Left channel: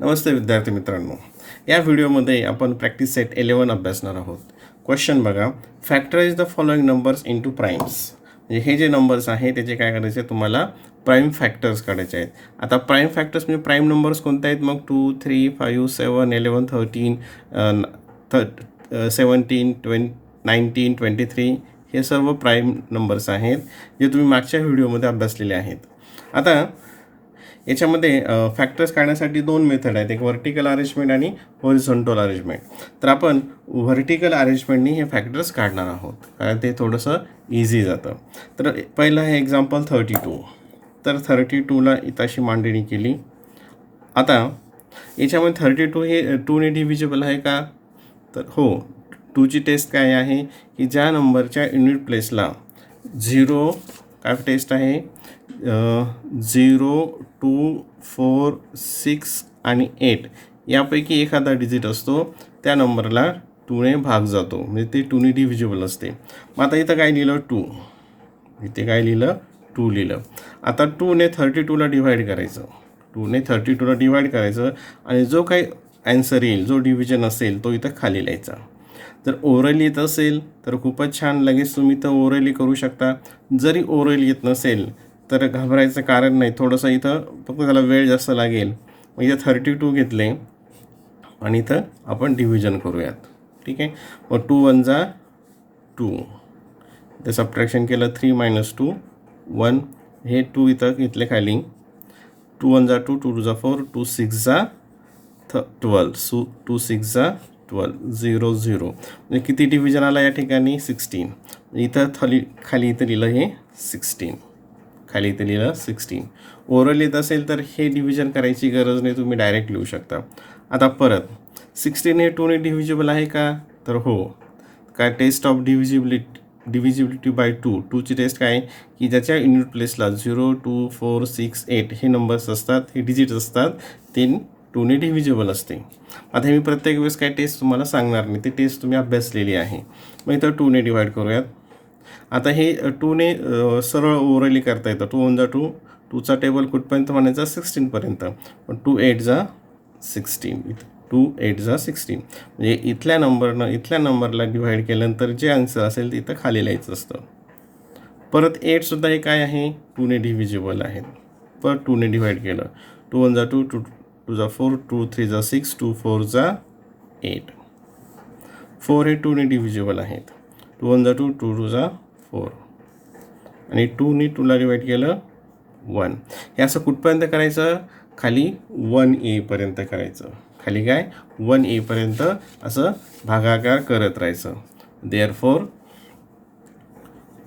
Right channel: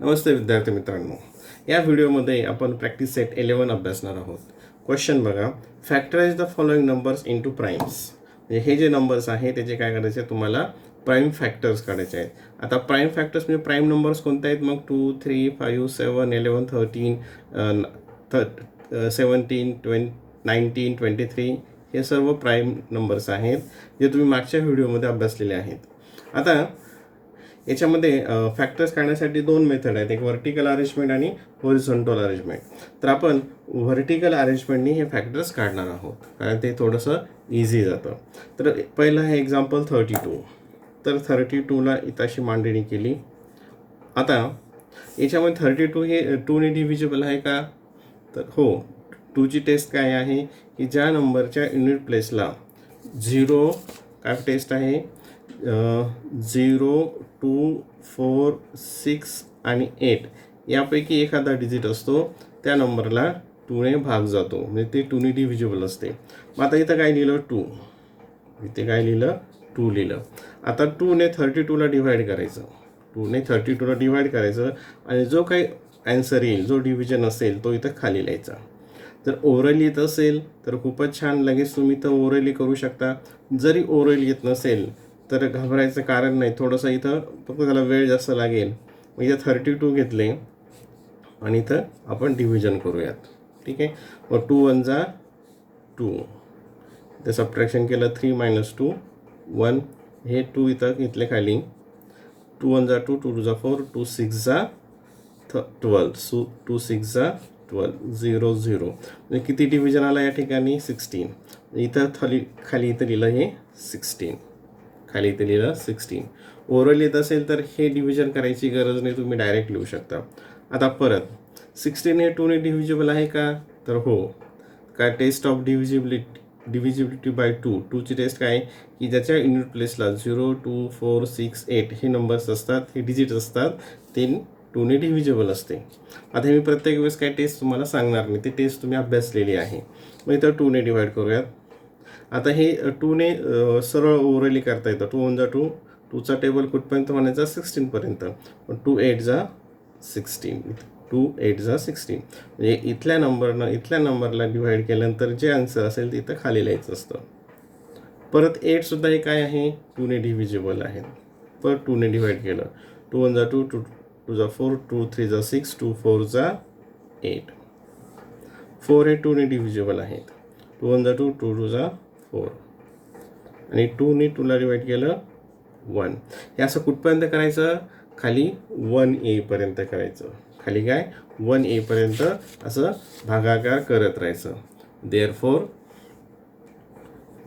नमस्ते विद्यार्थी मित्रांनो, या व्हिडिओमध्ये आपण प्रॅक्टिस सेट 11 अभ्यासणार आहोत. क्वेश्चन बघा, factorize the following numbers into primes. म्हणजे हे जे नंबर्स आहे त्याचे काय करायचे, तुम्हाला प्राईम फॅक्टर्स काढायचे आहेत. आता प्राईम फॅक्टर्स म्हणजे प्राईम नंबर्स कोणते आहेत, मग 2, 3, 5, 7, 11, 13, 17, 19, 23 हे सर्व प्राईम नंबर्स आहेत जे तुम्ही मागच्या व्हिडिओमध्ये अभ्यासलेले आहेत. आता याच्यामध्ये फॅक्टर्स काढण्यासाठी दोन मेथड आहेत, एक व्हर्टिकल अरेंजमेंट आणि हॉरिझॉन्टल अरेंजमेंट. तर आपण व्हर्टिकल अरेंजमेंटनी हे फॅक्टर्स काढणार आहोत कारण ते थोडंसं इझी जातं. तर पहिलं आहे एक्झाम्पल 32. तर 32ला इथं अशी मांडणी केली. आता याच्यामध्ये 32 हे 2ने डिव्हिजिबल आहे का, तर हो. 2ची टेस्ट काय आहे की ज्या नंबरच्या युनिट प्लेसला 0 काय टेस्ट आहे, 0, 2, 4, 6 आणि 8 यापैकी एखादा डिजिट असतो त्या नंबरला 2ने भाग जातो, म्हणजे ते 2ने डिव्हिजिबल असते. मग आता इथं काय लिहिलं, 2. इथे काय लिहिलं, 2 लिहिलं. आता 2ने 32ला डिव्हाइड करायचं. 2ने 32ला डिव्हाइड करायचं आणि जो काही ॲन्सर येईल, जो डिव्हिजन असेल तो इथं खाली लिहायचा. जर ओरल येत असेल तर खूपच छान, लगेच तुम्ही इथं ओरली करू शकता. जरी ओरल येत नसेल तर घाबरायचं कारण नाही, थोडंसं इथं फक्त त्याला वेळ जास्त लागेल. मग इथं 32 घेतले आणि इथं आपण डिव्हिजन करूयात. ठीक आहे. मग 2 1 जा 2, इथं सबट्रॅक्शन केलं, 3 - 2 1, हे 2 इथं घेतले खाली. 2 1 जा 2, 2 2 जा 4, 2 6 जा 12, 2 6 जा 12, 0 0. म्हणजे किती डिव्हिजन आला या ठिकाणी, 16. इथं खाली इथं लिहिलं हे 16, खाली इथं लिहिलं 16. ओरल येत असेल तर हे डिव्हिजन करायची गरज नाही, तुम्ही डायरेक्ट लिहू शकता. आता परत 16 हे 2ने डिव्हिजिबल आहे का, तर हो. काय टेस्ट ऑफ डिव्हिजिबिलिटी बाय 2. 2ची टेस्ट काय आहे की ज्याच्या युनिट प्लेसला 0, 2, 4, 6, 8 हे नंबर्स असतात, हे डिजिट्स असतात, ते 2ने डिव्हिजिबल असते. आता हे मी प्रत्येक वेळेस काय टेस्ट तुम्हाला सांगणार नाही, ती टेस्ट तुम्ही अभ्यासलेली आहे. मग इथं 2ने डिवाइड करूयात. आता हे 2ने सरळ ओरली करता येतं. 2 1 जा 2, 2चा टेबल कुठपर्यंत म्हणायचा, 16 पर्यंत. 2 8 जा 16, 2 8 जा 16. म्हणजे इथल्या नंबरला डिव्हाइड केल्यानंतर जे आन्सर असेल ते इथं खाली लिहायचं असतं. परत 8सुद्धा हे काय आहे, 2ने डिव्हिजिबल आहे. परत 2ने डिव्हाइड केलं, 2 1 जा 2, 2 2 जा 4, 2 3 जा 6, 2 4 जा 8. 4 हे 2ने डिव्हिजिबल आहेत. 2 1 जा 2, 2 2 जा 4 आणि 2ने 2ला डिवाइड केलं 1. हे असं कुठपर्यंत करायचं, खाली 1A पर्यंत करायचं. खाली काय 1A पर्यंत असं भागाकार करत राहायचं. देअरफॉर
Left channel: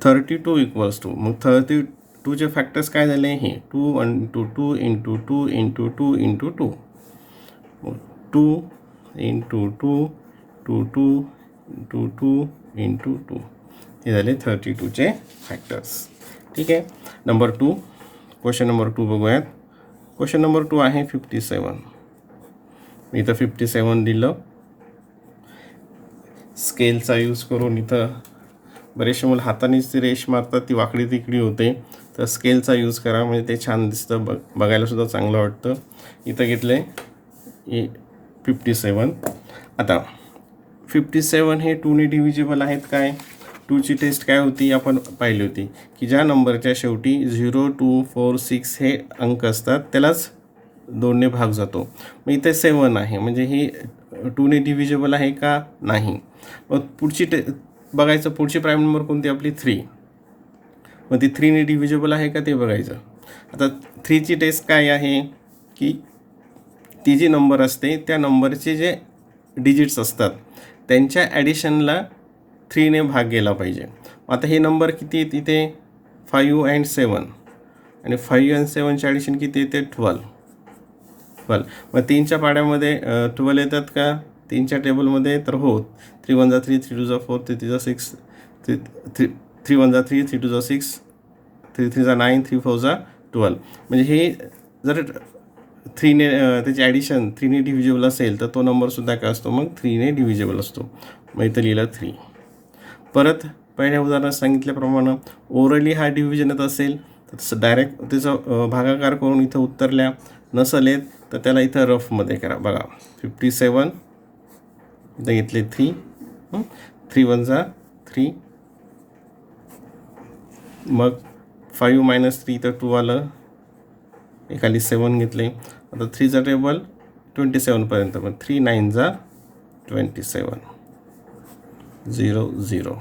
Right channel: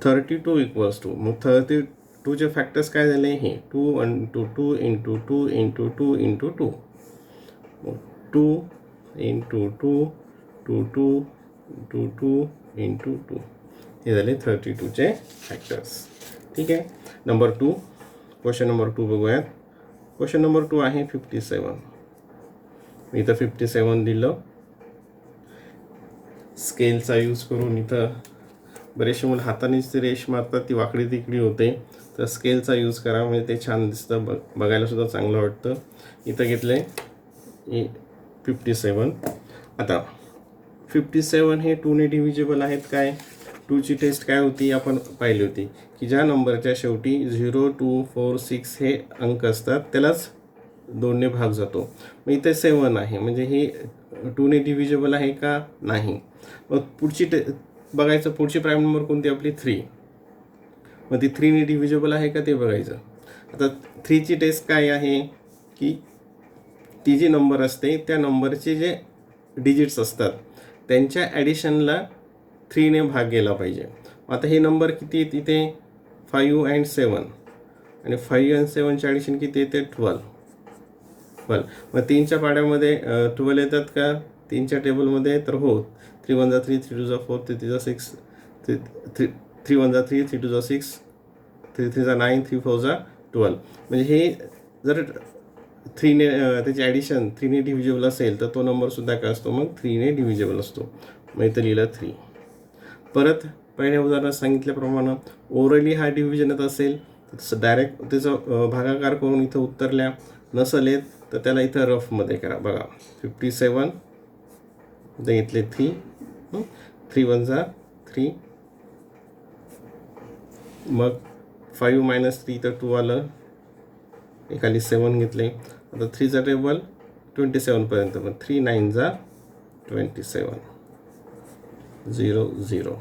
32 इक्वल्स टू, मग 32चे फॅक्टर्स काय झाले, हे 2 × 2 × 2 × 2 × 2, 2 × 2 2 2 × 2 × 2, हे झाले 32चे फॅक्टर्स. ठीक आहे. नंबर 2, क्वेश्चन नंबर 2 बघूयात. क्वेश्चन नंबर 2 आहे 57. मी इथं 57 दिलं. स्केलचा यूज करून, इथं बरेचसे मुलं हातानेच रेष मारतात, ती वाकडी तिकडी होते, तर स्केलचा यूज करा, म्हणजे ते छान दिसतं, बघायलासुद्धा चांगलं वाटतं. इथं घेतले 57. आता 57 हे 2ने डिव्हिजिबल आहेत काय, 2ची टेस्ट काय होती आपण पाहिली होती की ज्या नंबरच्या शेवटी 0, 2, 4, 6 हे अंक असतात त्यालाच 2ने भाग जातो. मग इथे 7 आहे, म्हणजे हे 2ने डिव्हिजिबल आहे का, नाही. मग पुढची बघायचं, पुढची प्राईम नंबर कोणती आपली, 3. मग ती 3ने डिव्हिजिबल आहे का ते बघायचं. आता 3ची टेस्ट काय आहे की ती जी नंबर असते त्या नंबरचे जे डिजिट्स असतात त्यांच्या ॲडिशनला 3ने भाग गेला पाहिजे. आता हे नंबर किती आहेत इथे, 5 and 7, आणि 5 and 7चे ॲडिशन किती येते, 12. मग 3च्या पाड्यामध्ये 12 येतात का 3च्या टेबलमध्ये, तर हो. 3 1 जा 3, 3 2 जा 4, 3 3 जा 6, 3 1 जा 3, 3 2 जा 6, 3 3 जा 9, 3 4 जा 12. म्हणजे हे जर 3ने त्याची ॲडिशन 3ने डिव्हिजिबल असेल तर तो नंबरसुद्धा काय असतो, मग 3ने डिव्हिजिबल असतो. मग इथं लिहिलं 3. परत पहिल्या उदाहरणात सांगितल्याप्रमाणे ओरली हा डिव्हिजन येत असेल तर डायरेक्ट त्याचा भागाकार करून इथं उत्तरल्या, नसेल येत तर त्याला इथं रफमध्ये करा. बघा 57 इथं घेतले 3, 3 1 जा 3, मग 5 मायनस 3 तर 2 आलं, एखाली 7 घेतले. आता 3चा टेबल 27पर्यंत, पण 3 9 जा 27 0 0.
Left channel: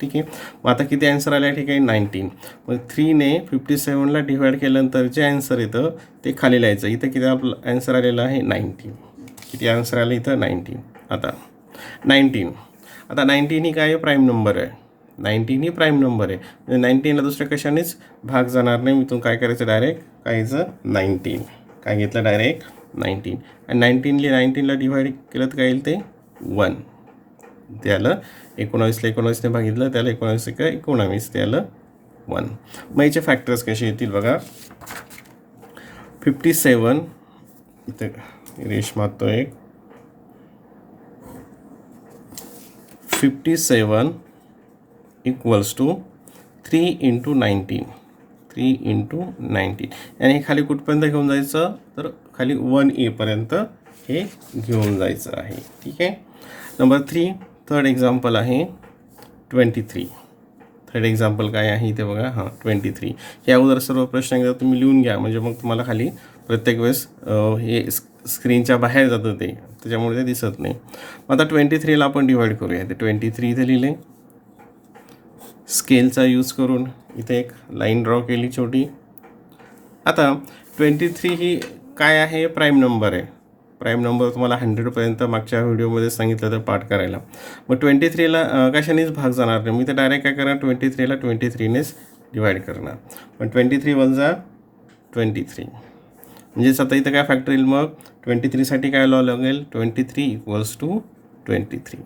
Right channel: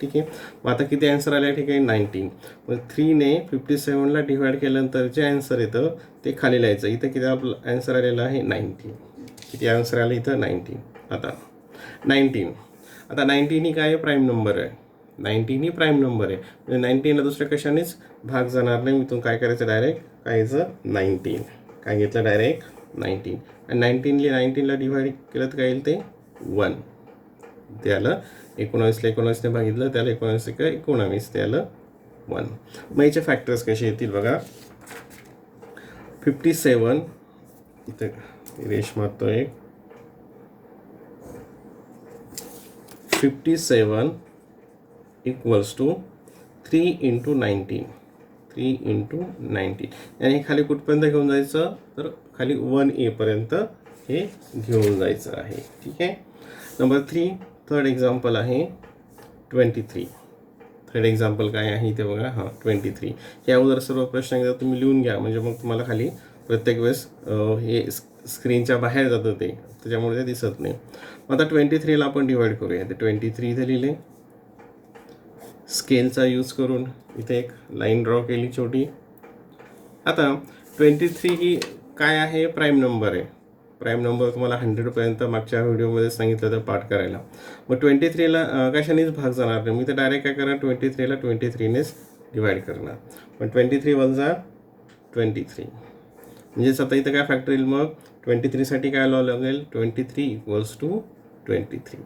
ठीक आहे. मग आता किती आन्सर आले या ठिकाणी 19. मग 3ने 57ला डिवाईड केल्यानंतर जे आन्सर येतं ते खाली लिहायचं. इथं किती आपलं आन्सर आलेलं आहे 19. किती आन्सर आले इथं 19. आता 19 ही काय प्राईम नंबर आहे. 19 ही प्राईम नंबर आहे, म्हणजे 19ला दुसऱ्या कशानेच भाग जाणार नाही. इथून काय करायचं, डायरेक्ट काय यायचं 19, काय घेतलं डायरेक्ट 19. आणि 19ला डिवाईड केलं तर काय येईल ते 1. ते आलं 19ला 19ने भागितलं त्याला 19 का 19 ते आलं 1. मग याचे फॅक्टर्स कसे येतील बघा. 57 इथं रेश मारतो एक, 57 इक्वल्स टू 3 × 19, 3 × 19. आणि खाली कुठपर्यंत घेऊन जायचं, तर खाली 1A पर्यंत हे घेऊन जायचं आहे. ठीक आहे. नंबर 3 थर्ड एक्झाम्पल आहे 23. थर्ड एक्झाम्पल काय आहे इथे बघा. 23. हे अगोदर सर्व प्रश्न एकदा तुम्ही लिहून घ्या, म्हणजे मग तुम्हाला खाली प्रत्येक वेळेस हे स्क्रीनच्या बाहेर जातं ते, त्याच्यामुळे ते दिसत नाही. आता 23ला आपण डिवाईड करूया. ते 23 इथे लिहिले, स्केलचा यूज करून इथे एक लाईन ड्रॉ केली छोटी. आता 23 ही काय आहे, प्राईम नंबर आहे. प्राईम नंबर तुम्हाला 100पर्यंत मागच्या व्हिडिओमध्ये सांगितलं तर पाठ करायला. मग 23ला कशानेच भाग जाणार नाही. मी तर डायरेक्ट काय करणार, 23ला 23नेच डिवाईड करणार. पण 23 1 जा 23, म्हणजे आता इथं काय फॅक्टर येईल. मग 23साठी काय लावा लागेल, 23 इक्वल्स टू 23,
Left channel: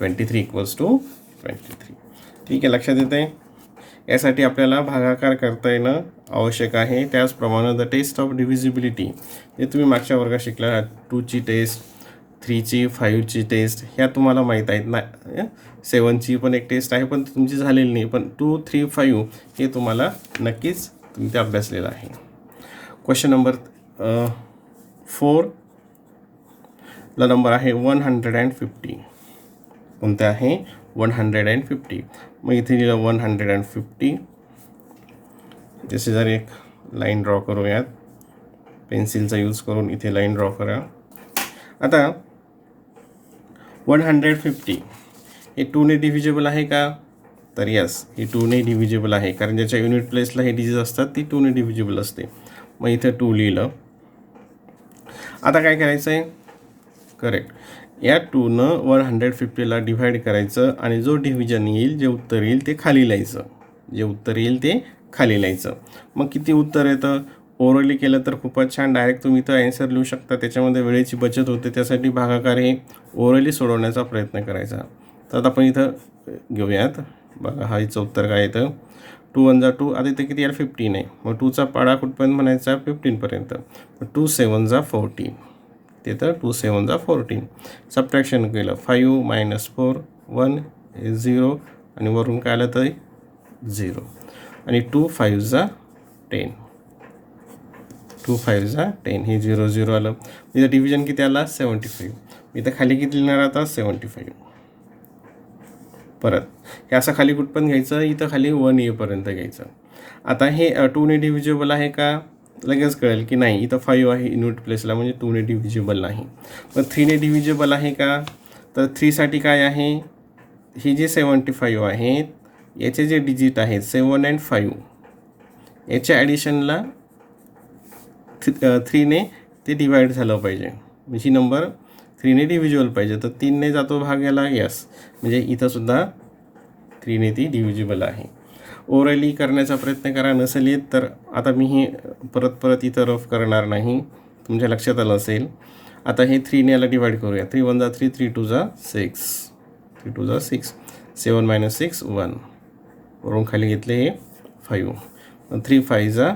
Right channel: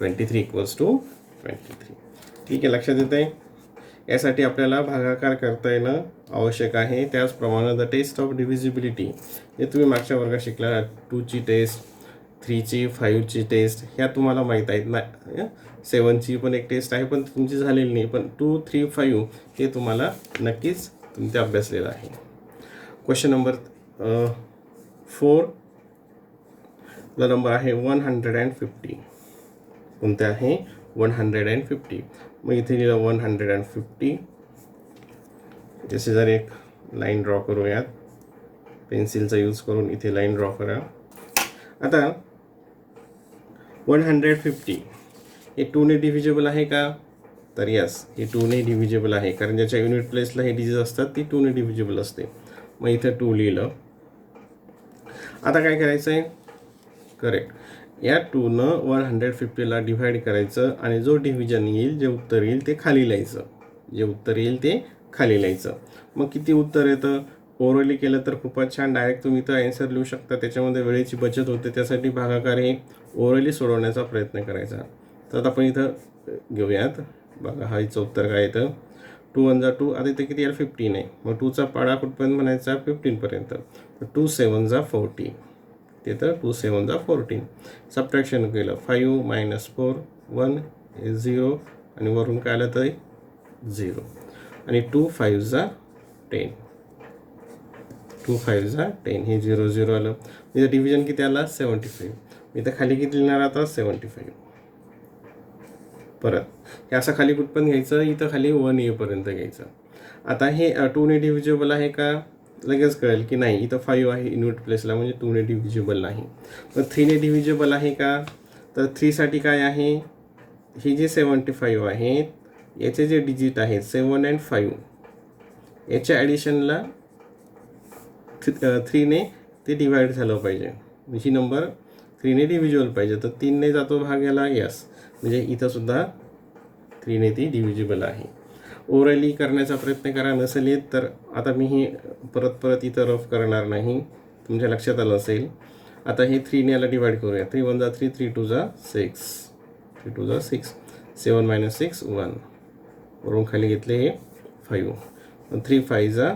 23 इक्वल्स टू 23. ठीक आहे, लक्षात येतं आहे. यासाठी आपल्याला भागाकार करता येणं आवश्यक आहे. त्याचप्रमाणे द टेस्ट ऑफ डिव्हिजिबिलिटी, जे तुम्ही मागच्या वर्गात शिकला, 2ची टेस्ट, 3ची 5ची टेस्ट, ह्या तुम्हाला माहीत आहेत ना. 7ची पण एक टेस्ट आहे, पण तुमची झालेली नाही. पण 2, 3, 5 हे तुम्हाला नक्कीच तुम्ही ते अभ्यासलेलं आहे. क्वेश्चन नंबर 4ला नंबर आहे 150. कोणते आहे 150. मग इथे लिहिलं 150. जसे जर एक लाईन ड्रॉ करूयात, पेन्सिलचा यूज करून इथे लाईन ड्रॉ करा. आता 150 हे 2ने डिव्हिजिबल आहे का, तर यस, हे 2ने डिव्हिजिबल आहे, कारण ज्याच्या युनिट प्लेसला हे डिजिट असतात ती 2ने डिव्हिजिबल असते. मग इथे 2 लिहिलं. आता काय करायचं आहे, करेक्ट, या 2नं 150ला डिव्हाइड करायचं आणि जो डिव्हिजन येईल, जे उत्तर येईल ते खाली लिहायचं. जे उत्तर येईल ते खाली लिहायचं. मग किती उत्तर येतं, ओरली केलं तर खूपच छान, डायरेक्ट तुम्ही इथं ॲन्सर लिहू शकता. त्याच्यामध्ये वेळेची बचत होते. त्यासाठी भागाकार हे ओरली सोडवण्याचा प्रयत्न करायचा. तर आता आपण इथं घेऊयात. बघा हा इथं उत्तर काय येतं, 2 1 जा 2. आता इथं किती यार 15 आहे. मग 2चा पाडा कुठपर्यंत म्हणायचा, 15पर्यंत. 2 7 जा 14, ते तर 2 7 जा 14. सबट्रॅक्शन केलं, 5 मायनस 4 1 0, आणि वरून काय आलं तर 0, आणि 2 5 जा 10, 2 5 जा 10, हे 0 0 आलं. इथं डिव्हिजन किती आला 75. इथं खाली किती लिहिणार आता 75. परत हे असं खाली कुठपर्यंत घ्यायचं, इथं खाली 1A पर्यंत घ्यायचं. आता हे 2ने डिव्हिजिबल आहे का, लगेच कळेल की नाही. इथं 5 आहे युनिट प्लेसला, म्हणजे 2ने डिव्हिजिबल नाही. मग 3ने डिव्हिजिबल आहे का, तर 3साठी काय आहे, हे जे 75 आहेत याचे जे डिजिट आहेत 7 आणि 5, याच्या ॲडिशनला 3ने ते डिवाईड झालं पाहिजे. ही नंबर 3ने डिव्हिजिबल पाहिजे. तर 3ने जातो भाग याला, यस, म्हणजे इथंसुद्धा 3ने ती डिव्हिजिबल आहे. ओरली करण्याचा प्रयत्न करा, नसेल येत तर आता मी ही परत इथं रफ करणार नाही, तुमच्या लक्षात आलं असेल. आता हे 3ने याला डिवाईड करूया. 3 1 जा 3, 3 2 जा 6, 3 2 जा 6, 7 मायनस 6 1, वरून खाली घेतले हे 5, 3 5 जा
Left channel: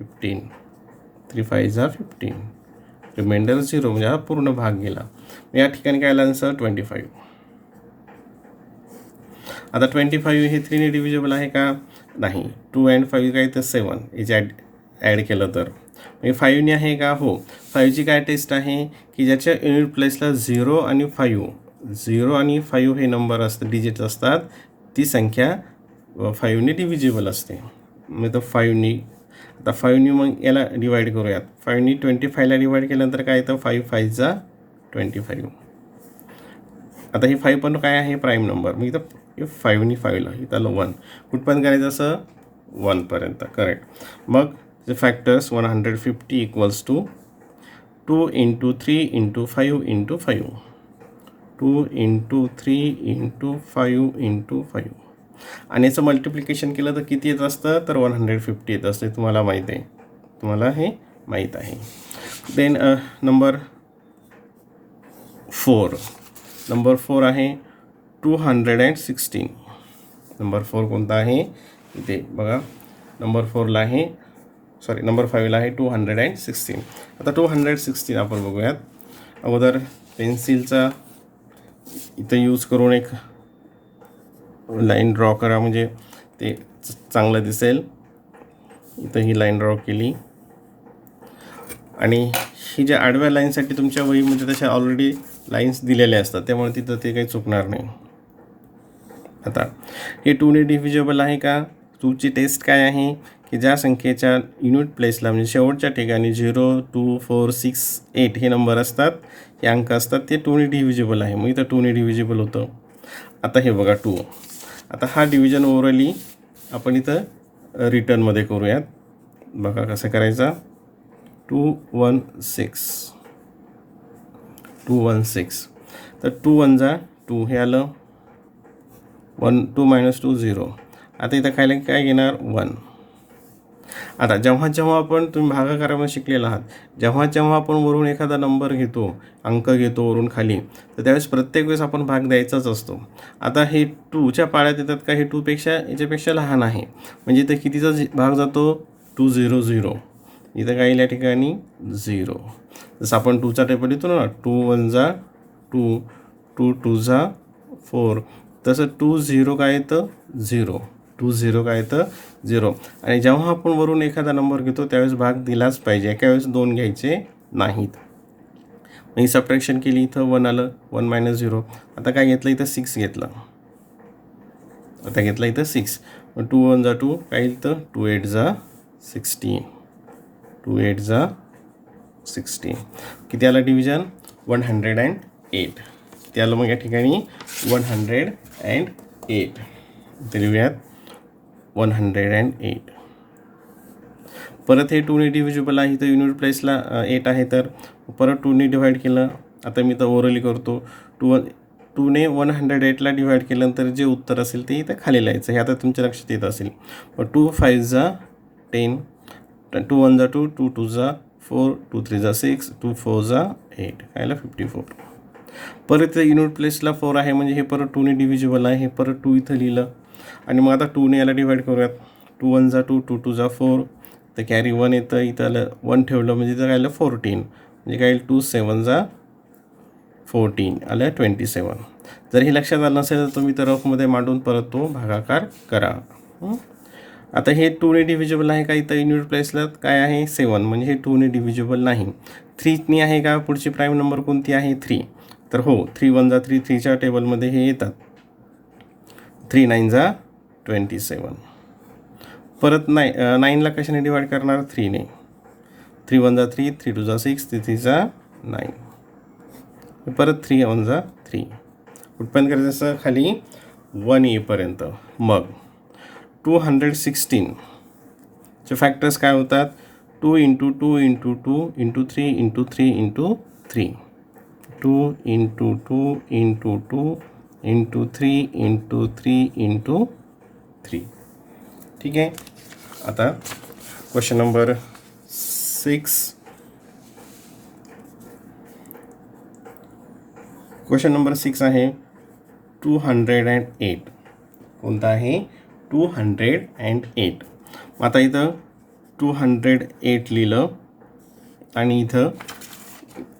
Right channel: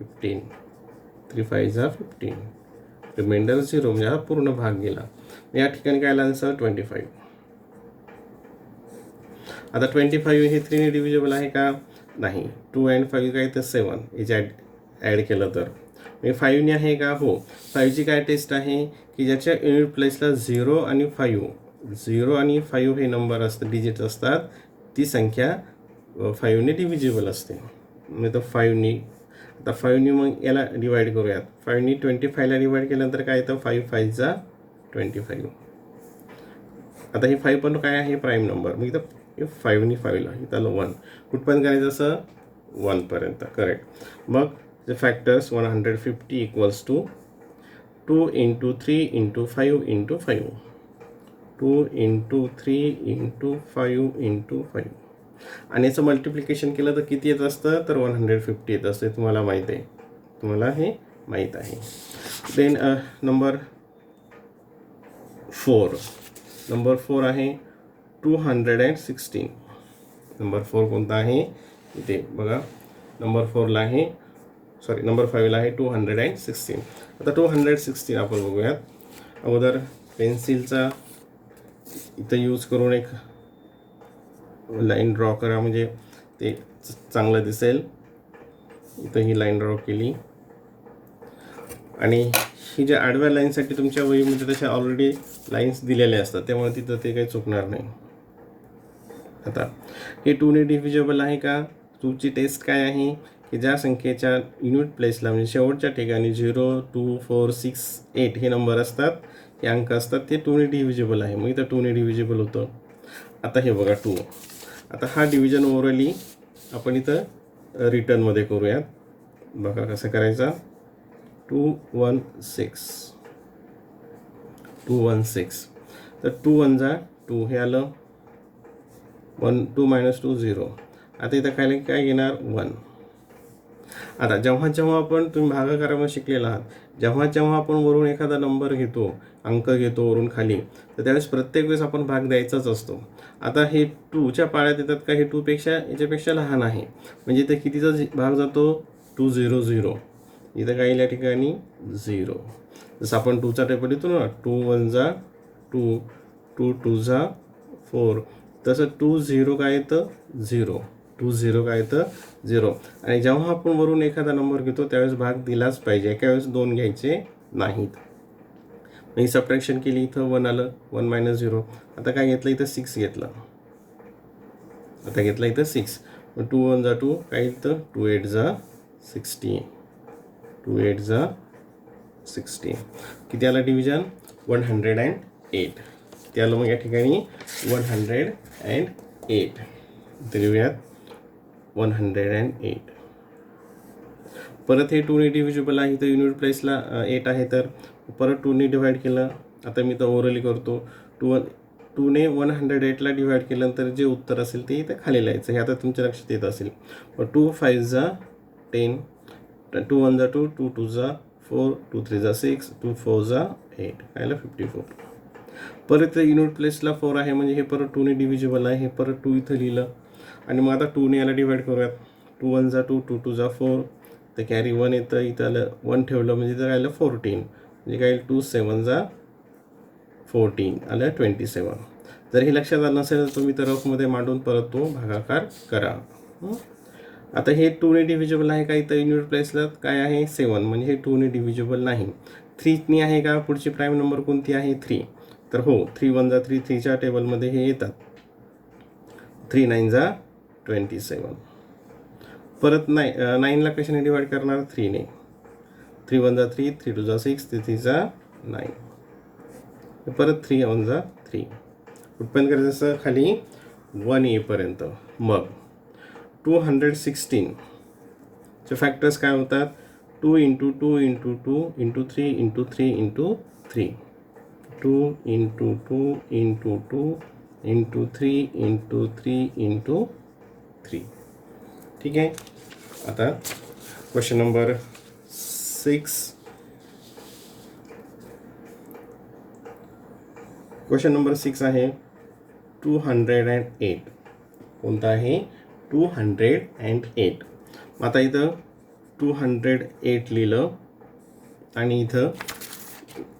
15, 3 5 जा 15, रिमाइंडर 0, म्हणजे हा पूर्ण भाग गेला. या ठिकाणी काय आला आन्सर 25. आता 25 हे 3ने डिव्हिजिबल आहे का, नाही. 2 and 5 काय तर 7, याचे ॲड केलं तर म्हणजे 5ने आहे का? हो. 5ची काय टेस्ट आहे की ज्याच्या युनिट प्लेसला 0 आणि 5 हे नंबर असतात, डिजिट असतात, ती संख्या 5ने डिव्हिजिबल असते. मग तो 5ने, आता 5ने मग याला डिवाईड करूयात. 5ने 25ला डिवाईड केल्यानंतर काय येतं? 5 5 जा 25. आता हे 5 पण काय आहे? Prime number. मग इथं 5ने 5ला इथं आलं 1. कुठपर्यंत करायचं? असं 1पर्यंत. करेक्ट. मग the factors 150 equals to 2 into 3 into 5 into 5. 2 into 3 into 5 into 5. आणि याचं मल्टिप्लिकेशन केलं तर किती येत असतं? तर 150 येत असते. तुम्हाला माहीत आहे, तुम्हाला हे माहीत आहे. देन नंबर 4 आहे 216. नंबर 4 कोणता आहे? इथे बघा, नंबर 4ला आहे, सॉरी नंबर 5ला आहे 216. आता 216 आपण बघूयात. अगोदर पेन्सिलचा इथं यूज करून एक लाईन ड्रॉ करा, म्हणजे ते चांगलं दिसेल. इथं ही लाईन ड्रॉ केली आणि ही ज्या आडव्या लाईनसाठी तुमच्या वहीमध्ये तशा ऑलरेडी लाईन्स दिलेल्या असतात, त्यामुळे तिथं ते काही चुकणार नाही. आता हे 2ने डिव्हिजिबल आहे का? 2ची टेस्ट काय आहे की ज्या संख्येच्या युनिट प्लेसला म्हणजे शेवटच्या ठिकाणी 0 2 4 6 8 हे नंबर असतात, हे अंक असतात, ते 2ने डिव्हिजिबल आहे. मग इथं 2ने डिव्हिजिबल होतं. आता हे बघा 2. आता हा डिव्हिजन ओव्हरली आपण इथं रिटर्नमध्ये करूयात. बघा कसं करायचा. 216. तर 2 1 जा 2 हे आलं. 1 2 - 2 0. आता इथं काय घेणार? 1. आता जेव्हा आपण तुम्ही भागाकारामध्ये शिकलेला आहात, जेव्हा आपण वरून एखादा नंबर घेतो, अंक घेतो वरून खाली, तर त्यावेळेस प्रत्येक वेळेस आपण भाग द्यायचाच असतो. आता हे 2च्या पाळ्यात येतात का? हे 2 याच्यापेक्षा लहान आहे, म्हणजे इथं कितीचा भाग जातो? 2 0 0. इथं काय येईल या ठिकाणी? 0. जसं आपण 2चा टेबल येतो ना, 2 1 जा 2, 2 2 जा 4, तसं 2 0 काय येतं? 0. 2 0 काय येतं? 0. आणि जेव्हा आपण वरून एखादा नंबर घेतो त्यावेळेस भाग दिलाच पाहिजे, एका वेळेस 2 घ्यायचे नाहीत. ही सबट्रॅक्शन केली, इथं 1 आलं, 1 - 0. आता काय घेतलं? इथं 6 घेतलं. आता घेतलं इथं 6. मग 2 1 जा 2 काय येतं? 2 8 जा 16. 2 8 जा 16. किती आलं डिव्हिजन? 108. किती आलं मग या ठिकाणी? 108. इथे लिहूयात 108. परत हे 2ने डिव्हिजिबल आहे, इथं युनिट प्लेसला 8 आहे, तर परत 2ने डिवाईड केलं. आता मी तर ओरली करतो. 2ने 108ला डिवाईड केल्यानंतर जे उत्तर असेल ते इथं खाली लिहायचं. हे आता तुमच्या लक्षात येत असेल. मग 2 5 जा 10, 2 1 जा 2, 2 2 जा 4, 2 3 जा 6, 2 4 जा 8, काय आलं? 54. परत युनिट प्लेसला 4 आहे, म्हणजे हे परत 2ने डिव्हिजिबल आहे. हे परत 2 इथं लिहिलं आणि मग आता 2ने याला डिवाईड करूयात. 2 1 जा 2, 2 2 जा 4, तर कॅरी 1 येतं. इथं आलं 1 ठेवलं म्हणजे इथं काय आलं? 14. म्हणजे काय? 2 7 जा 14 आलं 27. जर हे लक्षात आलं नसेल तर तुम्ही तर रफमध्ये मांडून परत तो भागाकार करा. आता हे 2ने डिव्हिजिबल आहे का? इथं युनिट प्लेसला काय आहे? 7, म्हणजे हे 2ने डिव्हिजिबल नाही. 3ने आहे का? पुढची प्राईम नंबर कोणती आहे? 3. तर हो, 3 1 जा 3, 3च्या टेबलमध्ये हे येतात. 3 9 जा 27. परत 9ला कशाने डिवाईड करणार? 3ने. 3 1 जा 3, 3 2 जा 6, 3 3 जा 9. परत 3 1 जा 3. कुठपर्यंत करायचं असं? खाली 1 येईपर्यंत. मग 216 चे फॅक्टर्स काय होतात? 2 × 2 × 2 × 3 × 3 × 3. 2 × 2 × 2 × 3 × 3 × 3. ठीक आहे. आता क्वेश्चन नंबर 6. क्वेश्चन नंबर 6 आहे 208. कोणता आहे? 208. आता इथं 208 लिहिलं आणि इथं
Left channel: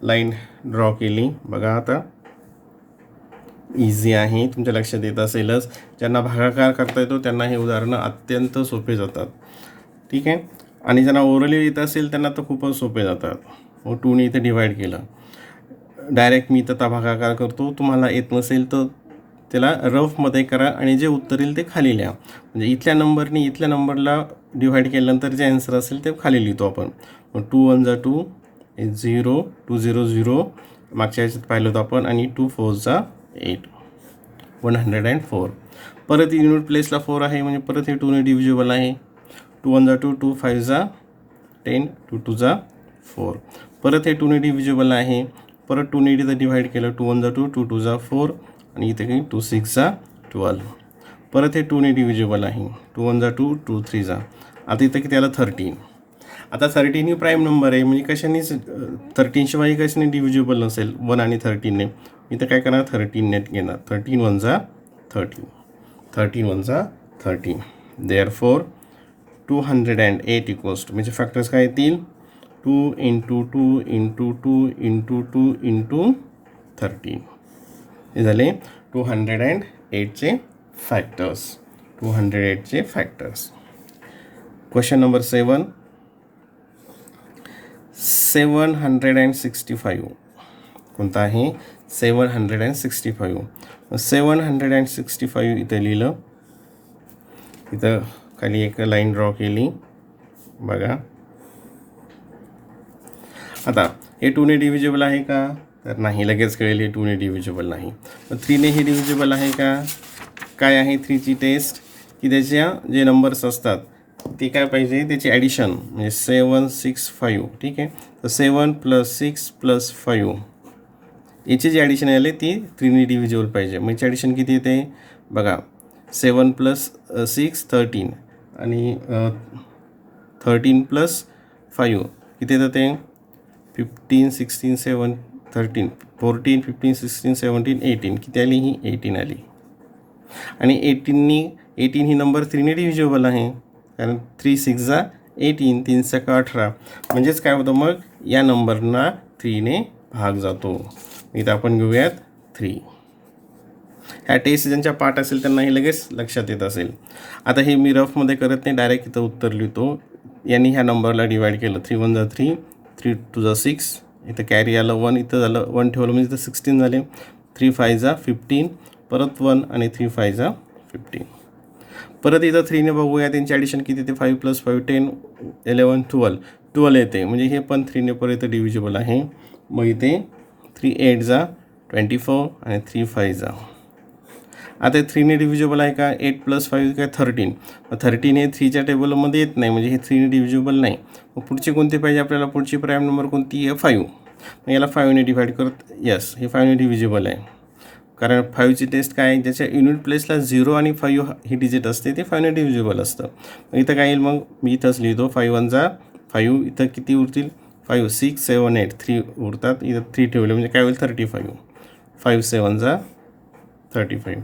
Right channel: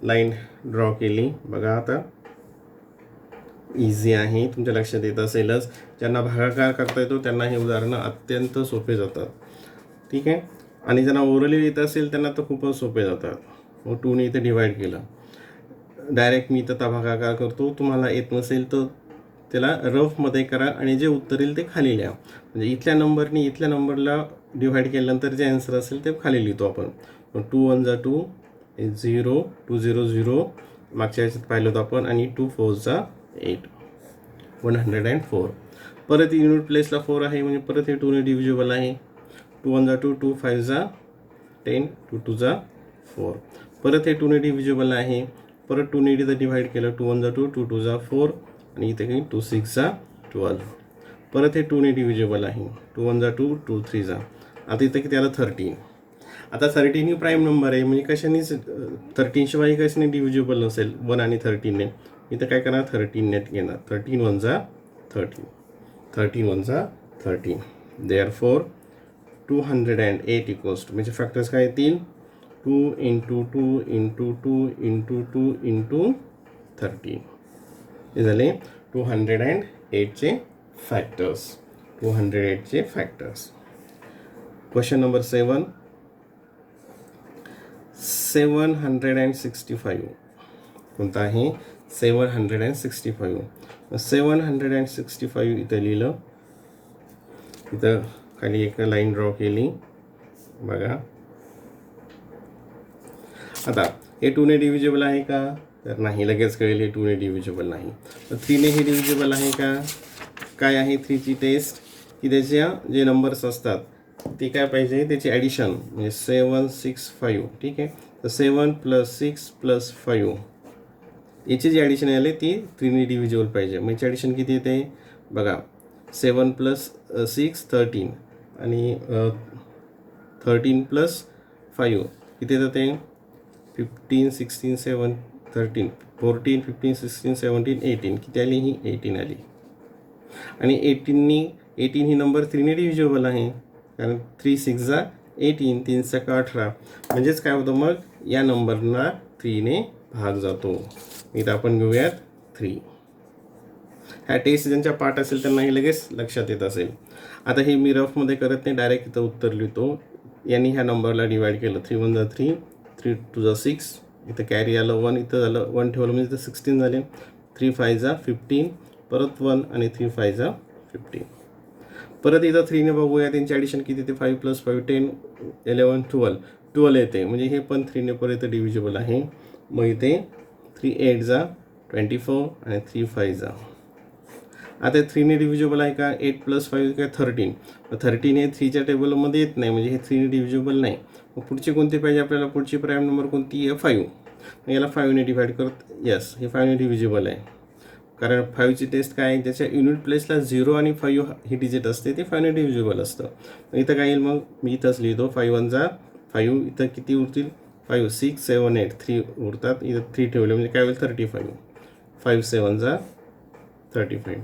लाईन ड्रॉ केली. बघा आता इझी आहे, तुमच्या लक्षात येत असेलच. ज्यांना भागाकार करता येतो त्यांना हे उदाहरणं अत्यंत सोपे जातात. ठीक आहे. आणि ज्यांना ओरली येत असेल त्यांना तर खूपच सोपे जातात. मग 2ने इथं डिवाईड केलं, डायरेक्ट मी इथं भागाकार करतो. तुम्हाला येत नसेल तर त्याला रफमध्ये करा आणि जे उत्तर येईल ते खाली लिहा. म्हणजे इथल्या नंबरनी इथल्या नंबरला डिव्हाइड केल्यानंतर जे आन्सर असेल ते खाली लिहितो आपण. मग 2 1 जा 2 0 2 0 0 मागच्या याच्यात पाहिलं होतं आपण, आणि 2 4 जा 8 104. परत युनिट प्लेसला 4 आहे म्हणजे परत हे 2ने डिव्हिजिबल आहे. 2 1 जा 2 2 5 जा 10 2 2 जा 4. परत हे 2ने डिव्हिजिबल आहे. परत 2ने इथं डिव्हाइड केलं, 2 1 जा 2 2 2 जा 4 आणि इथे काही 2 6 जा 12. परत हे 2ने डिव्हिजिबल आहे. 2 1 जा 2 2 3 जा. आता इथं किती आलं 13. आता 13 ही प्राईम नंबर आहे म्हणजे कशानेच 13 शिवाय कशाने डिव्हिजिबल नसेल 1 आणि 13ने. इथं काय करणार 13 नेट घेणार. 13 1 जा 13 13 1 जा 13. देअरफॉर 208 इक्वल्स टू, म्हणजे फॅक्टर्स काय येतील 2 × 2 × 2 × 2 × 13. हे झाले 208चे फॅक्टर्स. 208चे फॅक्टर्स. Question number 7. 765 कोणता आहे 765. 765 इथं लिहिलं, इथं खाली एक लाईन ड्रॉ केली बघा. आता हे 2ने डिव्हिजिबल आहे का, तर नाही, लगेच कळेल हे 2ने डिव्हिजिबल नाही. मग 3ने हे डिव्हिजिबल आहे का. काय आहे 3ची टेस्ट की त्याच्या जे नंबर्स असतात ते काय पाहिजे त्याची ॲडिशन, म्हणजे 7 6 5. ठीक आहे, तर 7 + 6 + 5 याची जी ॲडिशन आली ती 3ने डिव्हिजिबल पाहिजे. मग याची ॲडिशन किती येते बघा. 7 + 6 13 आणि 13 + 5 किती येतं ते 15 16 7 13 14 15 16 17 18. किती आली ही 18 आली. आणि 18 ही नंबर 3ने डिव्हिजिबल आहे, कारण 3 6 जा 18 3 6 18. म्हणजेच काय होतं मग या नंबरना 3ने भाग जातो. इथं आपण घेऊयात 3. ह्या टेस्ट ज्यांच्या पाठ असेल त्यांना हे लगेच लक्षात येत असेल. आता हे मी रफमध्ये करत नाही, डायरेक्ट इथं उत्तर लिहितो. यांनी ह्या नंबरला डिवाईड केलं. 3 1 जा 3 3 2 जा 6. इथं कॅरी आलं 1, इथं झालं 1 ठेवलं म्हणजे इथं 16 झाले. 3 5 जा 15 परत 1 आणि 3 5 जा 15. परत इथं 3ने बघूया त्यांची ॲडिशन किती येते 5 + 5 10 11 12 येते, म्हणजे हे पण 3ने परत डिव्हिजिबल आहे. मग इथे 3 8 जा 24 आणि 3 5 जा. आता 3ने डिव्हिजिबल आहे का 8 + 5 काय 13. मग 13 हे 3च्या टेबलमध्ये येत नाही, म्हणजे हे 3ने डिव्हिजिबल नाही. मग पुढची कोणती पाहिजे आपल्याला, पुढची प्राईम नंबर कोणती आहे 5. मग याला 5ने डिव्हाइड करत, यस हे 5ने डिव्हिजिबल आहे. कारण 5ची टेस्ट काय आहे, ज्याच्या युनिट प्लेसला 0 आणि 5 ही डिजिट असते ते 5ने डिव्हिजिबल असतं. इथं काय येईल मग मी इथंच लिहितो 5 1 जा 5. इथं किती उरतील 5 6 7 8 3 उरतात. इथं 3 ठेवले म्हणजे काय होईल 35. 5 7 जा 35.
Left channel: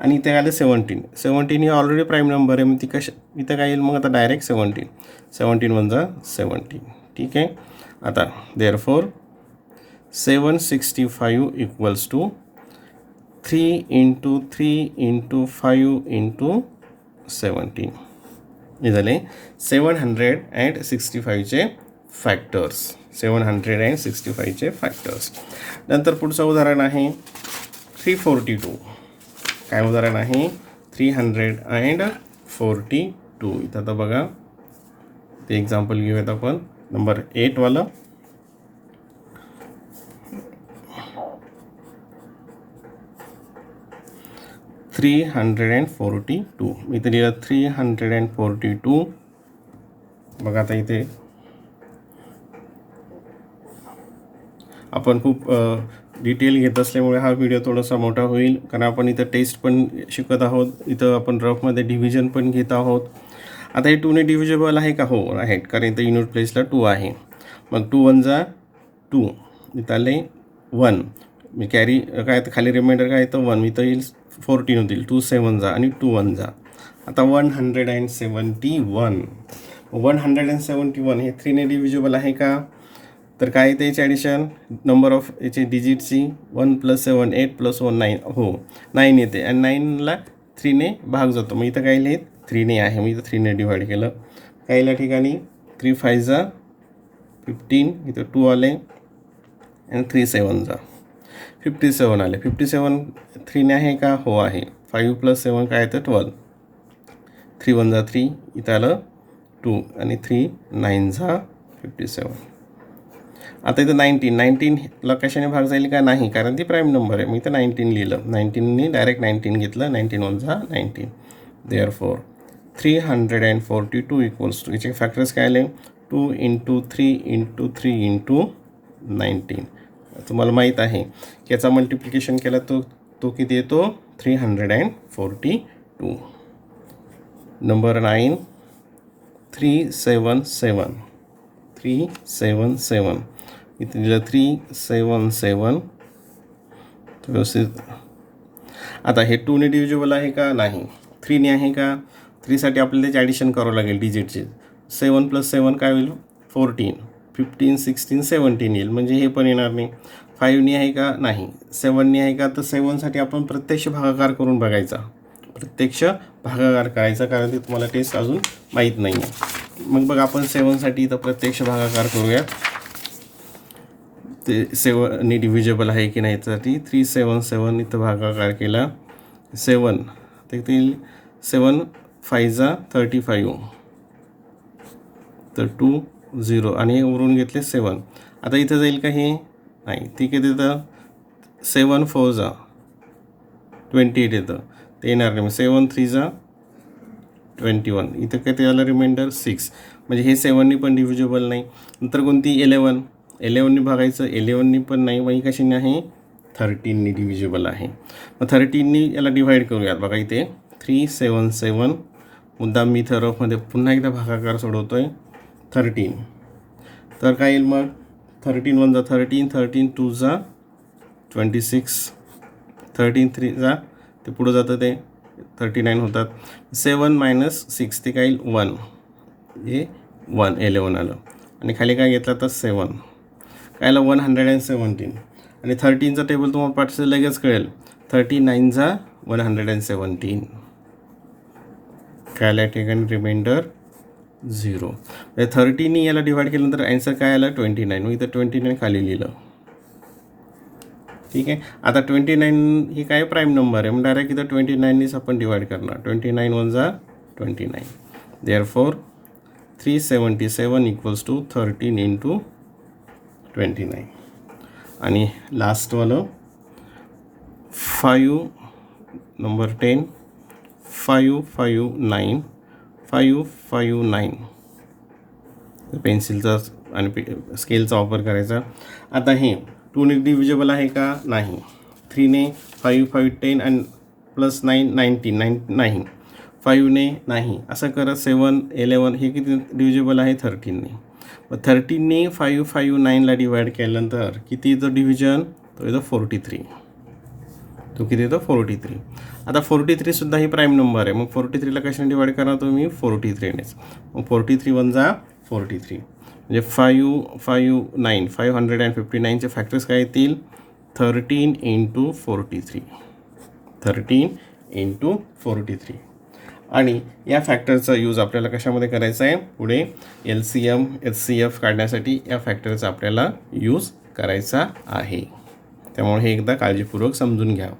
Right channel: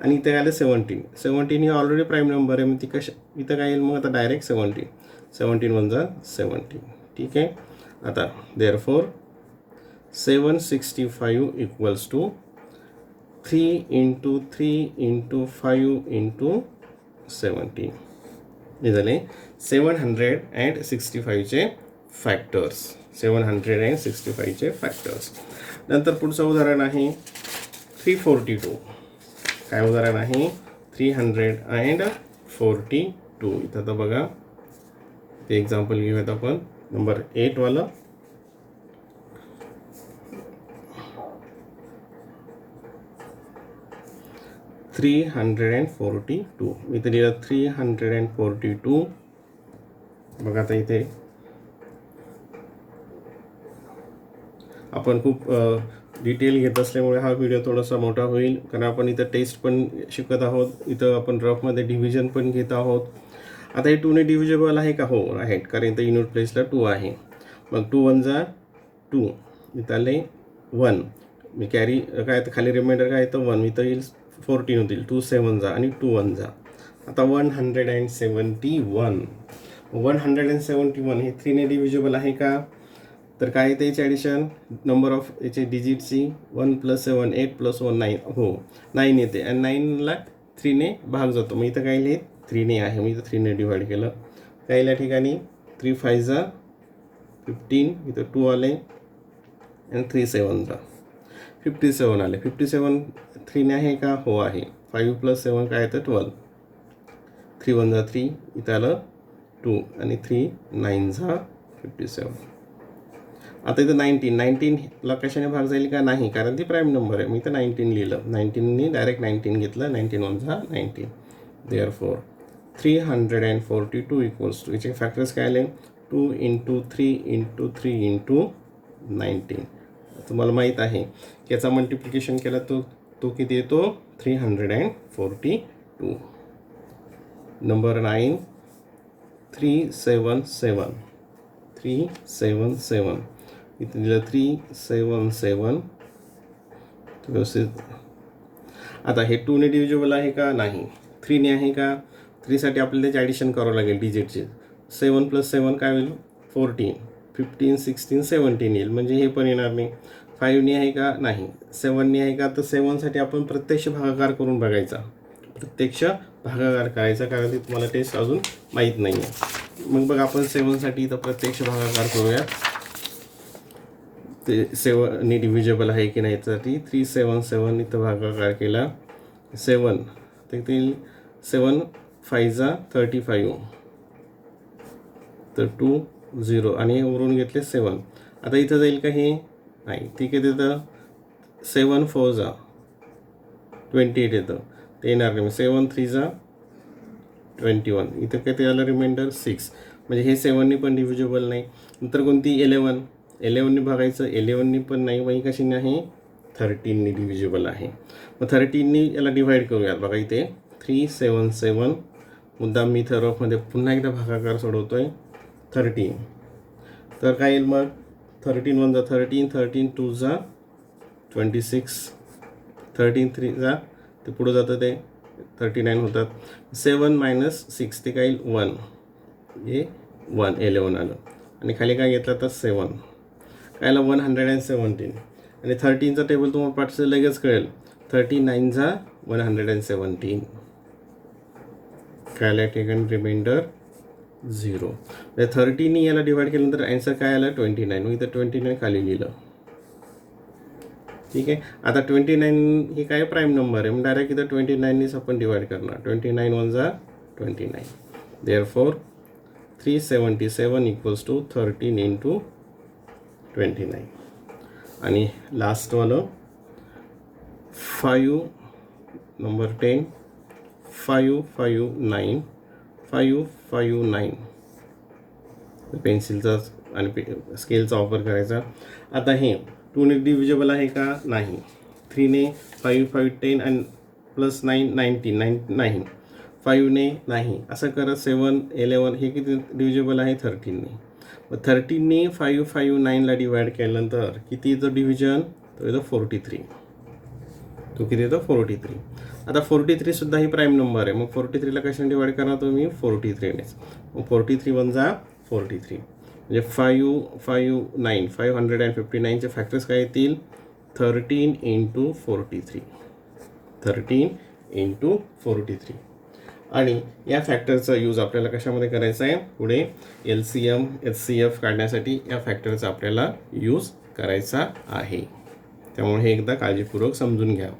आणि इथे आले 17 ही ऑलरेडी प्राईम नंबर आहे, मग ती इथं काय येईल मग आता डायरेक्ट 17 1 जा 17. ठीक आहे. आता देअरफॉर 765 इक्वल्स टू 3 × 3 × 5 × 17. हे झाले 765चे फॅक्टर्स. 765चे फॅक्टर्स. नंतर पुढचं उदाहरण आहे 342. काय उदाहरण आहे 342. इथं आता बघा ते एक्झाम्पल घेऊयात आपण. नंबर 8 वाला. $342. इथे लिहिलं 342. बघा आता इथे आपण खूप डिटेल घेत असल्यामुळे हा व्हिडिओ थोडासा मोठा होईल, कारण आपण इथं टेस्ट पण शिकत आहोत, इथं आपण रफमध्ये डिव्हिजन पण घेत आहोत. आता हे 2ने डिव्हिजिबल आहे का, हो राईट, कारण इथं युनिट प्लेसला 2 आहे. मग 2 1 जा 2, इथं आले 1, मी कॅरी काय तर खाली रिमाइंडर काय येतं 1, इथं येईल 14 होतील. 2 7 जा आणि 2 1 जा. आता 171. 171 हे 3ने डिव्हिजिबल आहे का, तर काय येते याची ॲडिशन नंबर ऑफ याची डिजिटची 1 + 7 8 + 1 9. हो 9 येते आणि 9ला 3ने भाग जातो. मग इथं काय लिहित 3ने आहे, मी इथं 3ने डिवाइड केलं. काय या ठिकाणी 3 5 जा 15, इथं 2 आले आणि 3 7 जा 57 आले. 57 3ने आहे का? हो आहे. 5 + 7 काय येतं? 12. 3 1 जा 3, इथं आलं 2 आणि 3 9 जा 57. आता इथं 19 ला कशाने भाग जाईल का? नाही, कारण ती प्राईम नंबर आहे. मी इथं 19 लिहिलं. 19नी डायरेक्ट 19 घेतलं. 19 1 जा 19. देअरफॉर 342 इक्वल्स टू, याचे फॅक्टर्स काय आले? 2 × 3 × 3 × 19. तुम्हाला माहीत आहे की याचा मल्टिप्लिकेशन केला तो किती येतो? 342. नंबर 9 377. 377 इथे दिलं 377. व्यवस्थित. आता हे 2ने डिव्हिजिबल आहे का? नाही. 3ने आहे का? 3साठी आपल्याला त्याचे ॲडिशन करावं लागेल डिजिटचे. 7 + 7 काय होईल? 14. 15 16 17 येईल, म्हणजे हे पण येणार नाही. 5ने आहे का? नाही. 7ने आहे का? तर 7साठी आपण प्रत्यक्ष भागाकार करून बघायचा. प्रत्यक्ष भागाकार करायचा, कारण ते तुम्हाला टेस्ट अजून माहीत नाही आहे. मग बघा आपण 7साठी इथं प्रत्यक्ष भागाकार करूया. ते 7ने डिव्हिजिबल आहे की नाही यासाठी 377 इथं भागाकार केला. 7 ते 7 5 जा 35, तर 2 0 आणि हे उरून घेतले 7. आता इथं जाईल का? हे नाही. ठीक आहे. तिथं 7 4 जा 28 येतं, ते येणार नाही. 7 3 जा 21, इथं काय ते आलं रिमाइंडर 6, म्हणजे हे 7ने पण डिव्हिजिबल नाही. नंतर कोणती? 11ने भागायचं. 11ने पण नाही. मग ही कशाने आहे? 13ने डिव्हिजिबल आहे. मग 13ने याला डिव्हाइड करूयात. बघा इथे 377. मुद्दाम मी इथं रफमध्ये पुन्हा एकदा भागाकार सोडवतोय. 13, तर काय येईल मग? 13 1 जा 13, 13 2 जा 26, 13 3 जा ते पुढं जातं ते 39 होतात. 7 - 6 ते काय येईल? 1, हे 11 आलं. आणि खाली काय घेतलं तर 7, काय आलं? 117. आणि 13चा टेबल तुम्हाला पाठचं लगेच कळेल. 39 जा 117, काय आल्या ठिकाणी? रिमाइंडर 0. म्हणजे 13ने याला डिवाइड केल्यानंतर ॲन्सर काय आलं? 29. मग इथं 29 खाली लिहिलं. ठीक आहे. आता 29 ही काय? प्राईम नंबर आहे. मग डायरेक्ट इथं 29नेच आपण डिवाइड करणार. 29 1 जा 29. Therefore 377 equals to 13 × 29. आणि लास्टवालं 5 नंबर 10 559 559. पेन्सिलचा आणि स्केलचा वापर करायचा. आता हे 2ने डिव्हिजिबल आहे का? नाही. 3ने 5 5 10 आणि +9 19 नाही. 5ने नाही. असं करत 7 11 हे किती डिव्हिजिबल आहे? 13ने. मग 13ने 559ला डिवाइड केल्यानंतर किती येतं डिव्हिजन? तो येतो 43. तो किती येतो? 43. आता 43 सुद्धा ही प्राईम नंबर आहे. मग 43ला कशाने डिवाइड करणार तुम्ही? 43नेच. मग 43 1 जा 43, म्हणजे 559 559चे फॅक्टर्स काय येतील? 13 × 43. 13 × 43. आणि या फॅक्टरचा यूज आपल्याला कशामध्ये करायचा आहे? पुढे LCM HCF काढण्यासाठी या फॅक्टरचा आपल्याला यूज करायचा आहे. त्यामुळे हे एकदा काळजीपूर्वक समजून घ्या.